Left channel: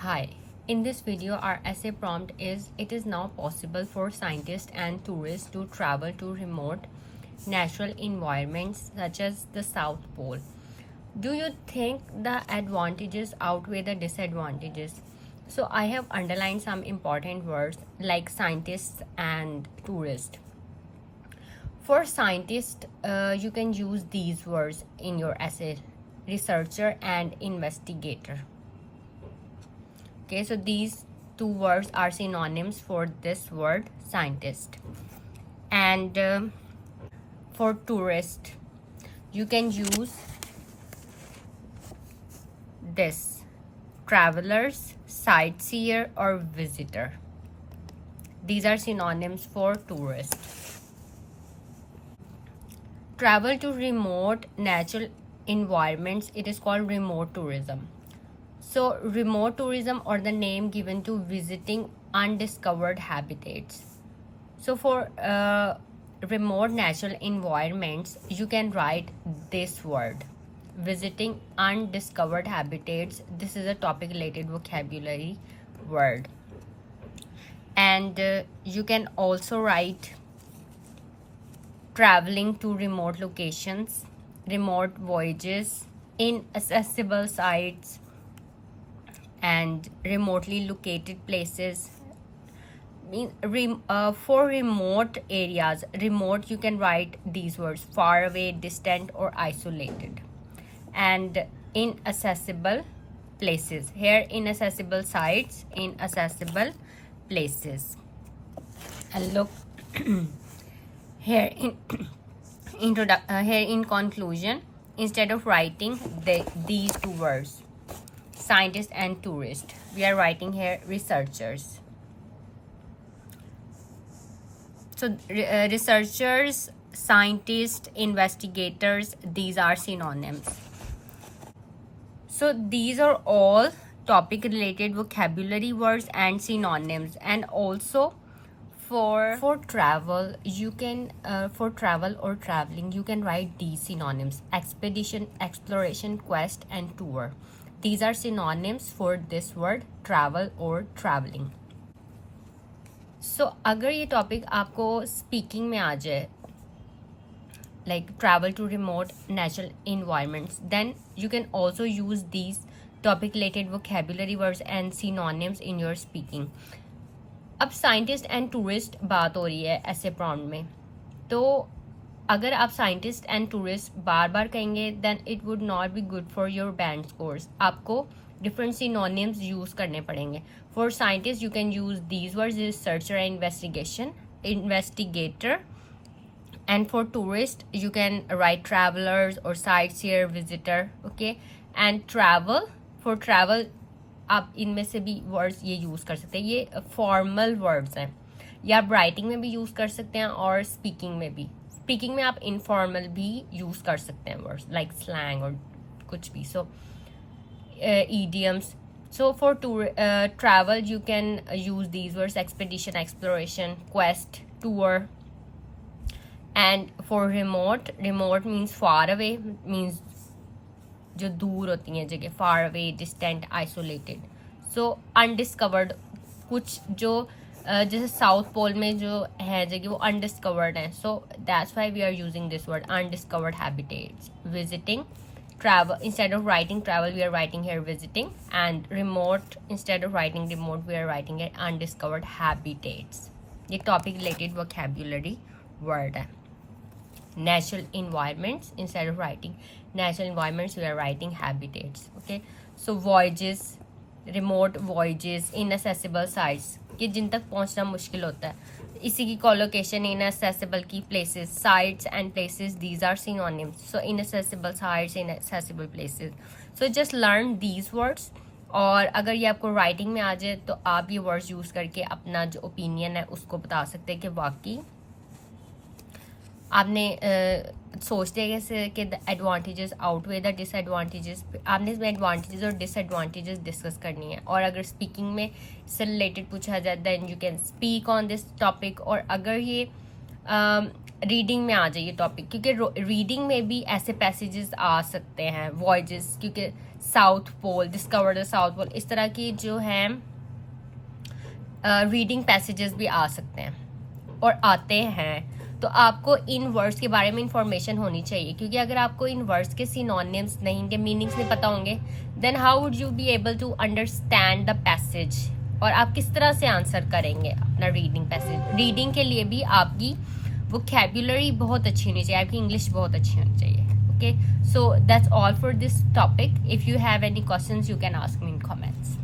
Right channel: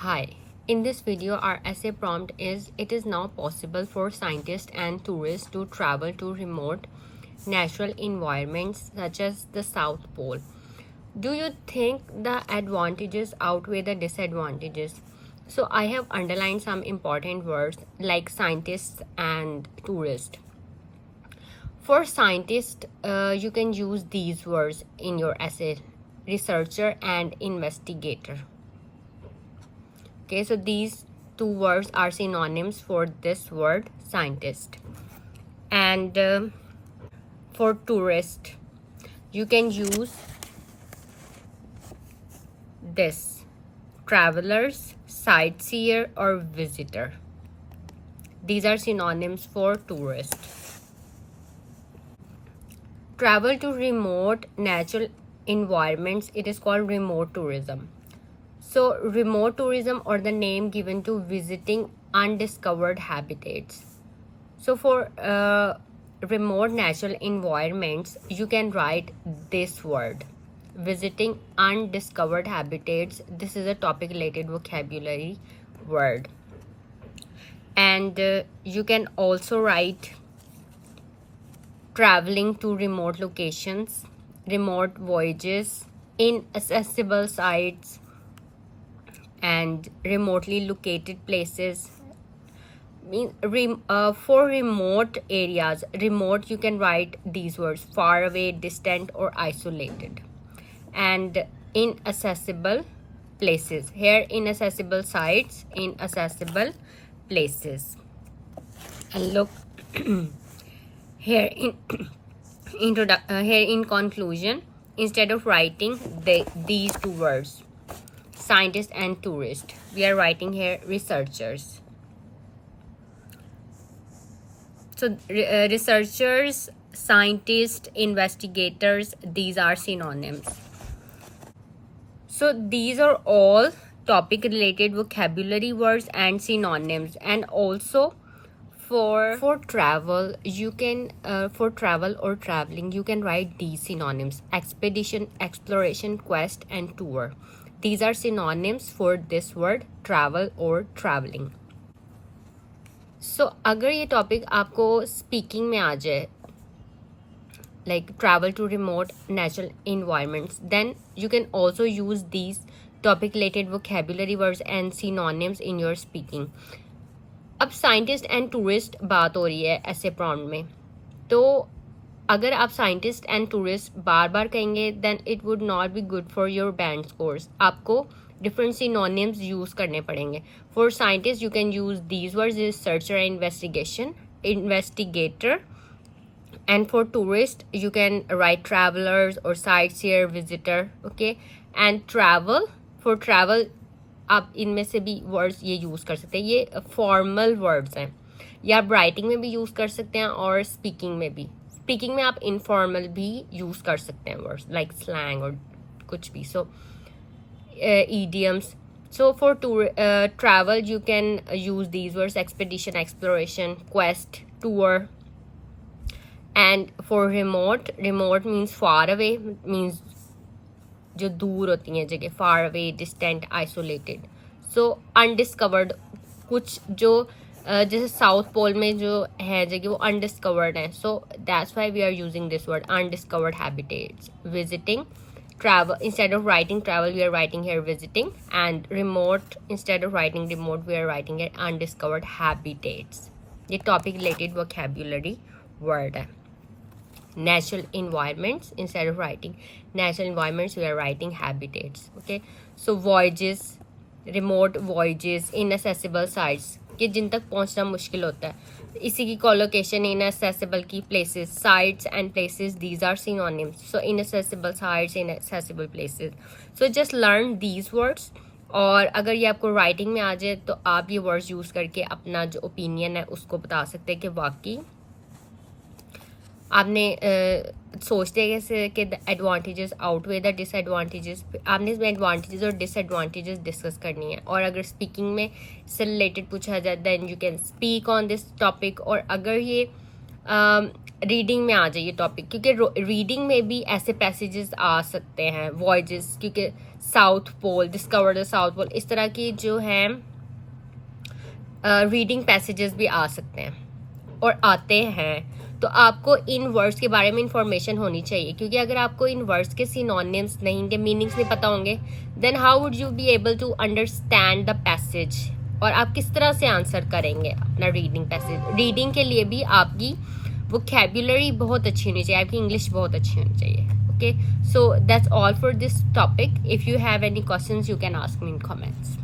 Hi, in this video our essay prompt is: it is now possible for scientists and tourists to travel to remote natural environments such as the South Pole. Do you think the advantages outweigh the disadvantages? So I have underlined some important words like scientists and tourists. For scientists, you can use these words in your essay: researcher and investigator. Okay, so these two words are synonyms for this word scientist. And for tourist, you can use this: travelers, sightseer, or visitor. These are synonyms for tourist. Travel to remote natural environments, it is called remote tourism. So remote tourism, or the name given to visiting undiscovered habitats. So for remote natural environments, you can write this word: visiting undiscovered habitats. This is a topic related vocabulary word. And you can also write traveling to remote locations, remote voyages, inaccessible sites, and remotely located places. For remote areas, remote, you can write these words: far away, distant, or isolated. And inaccessible places, here inaccessible sites, inaccessible places. And look here in conclusion, instead of writing these two words, scientist and tourist, we are writing here researchers. So researchers, scientists, investigators, these are synonyms. So these are all topic related vocabulary words and synonyms. And also for travel, you can for travel or traveling, you can write these synonyms: expedition, exploration, quest, and tour. These are synonyms for this word travel or traveling. So अगर ये topic आपको speaking में आ जाए, like travel to remote natural environments, then you can also use these topic related vocabulary words and synonyms in your speaking. अब scientist and tourist बात हो रही है ऐसे प्रॉम्प्ट में, तो अगर आप साइंटिस्ट एंड टूरिस्ट बार बार कहेंगे, then it would not be good for your band scores. आपको डिफरेंट सिनोनिम्स यूज करने पड़ेंगे. For scientist you can use these words: researcher and investigator. And for tourist, you can write travelers or sightseer, visitor. Okay, and travel, for travel, आप इनमें से भी words ये use कर सकते हैं. ये फॉर्मल वर्ड्स हैं, ये आप राइटिंग में भी यूज़ कर सकते हैं और स्पीकिंग में भी. स्पीकिंग में आप इनफॉर्मल भी यूज़ कर सकते हैं वर्ड्स लाइक स्लैंग और कुछ भी. सो idioms. So for travel, you can use these words: expedition, exploration, quest, tour. And for remote means far away, means जो दूर होती हैं जगह, far away, distant, isolated. So undiscovered, कुछ जो जैसे साउथ पोल में जो है जगह वो अनडिस्कवर्ड है. So that's why we are using this word undiscovered habitats. Visiting, travel, instead of writing travel, we are writing here visiting. And remote, instead of writing remote, we are writing here undiscovered habitats. ये topic related vocabulary word है. Natural environments, instead of writing natural environments, we are writing habitats. Okay, so voyages, remote voyages, inaccessible sites, कि जिन तक पहुंचना मुश्किल होता है. इसी की कोलोकेशन inaccessible की places, sites and places, these are synonyms. So inaccessible sites, inaccessible places. So just learn these words. और अगर ये आपको राइटिंग में आ जाए तो आप ये वर्ड्स यूज़ करके अपना जो ओपिनियन है उसको बता सकते हैं कि वाकई आपने सोचते हैं कैसे कि the advantages outweigh the disadvantages. आपने इसमें एडवांटेजेस और डिसएडवांटेजेस डिस्कस करनी है. और अगर स्पीकिंग में से रिलेटेड पूछा जाए, then you can speak on this topic. और अगर ये रीडिंग में आ जाइए टॉपिक, क्योंकि रीडिंग में भी ऐसे पैसेजेस आ सकते हैं, वॉयजेस, क्योंकि south pole, discover the south pole, इस तरह की जो हैं रीडिंग पैसेजेस भी आ सकते हैं और आते हैं। तो आपको इन वर्ड्स के बारे में इंफॉर्मेशन होनी चाहिए, क्योंकि अगर आपको इन वर्ड्स के सिनोनिम्स नहीं, इनके मीनिंग्स नहीं पता होंगे, then how would you be able to understand the passage, और आप किस तरह से आंसर करेंगे अपना रीडिंग पैसेज। रीडिंग के लिए भी आपकी वोकैबुलरी बहुत अच्छी होनी चाहिए, आपकी इंग्लिश बहुत अच्छी होनी चाहिए। Okay, so that's all for this topic. If you have any questions you can ask me in comments.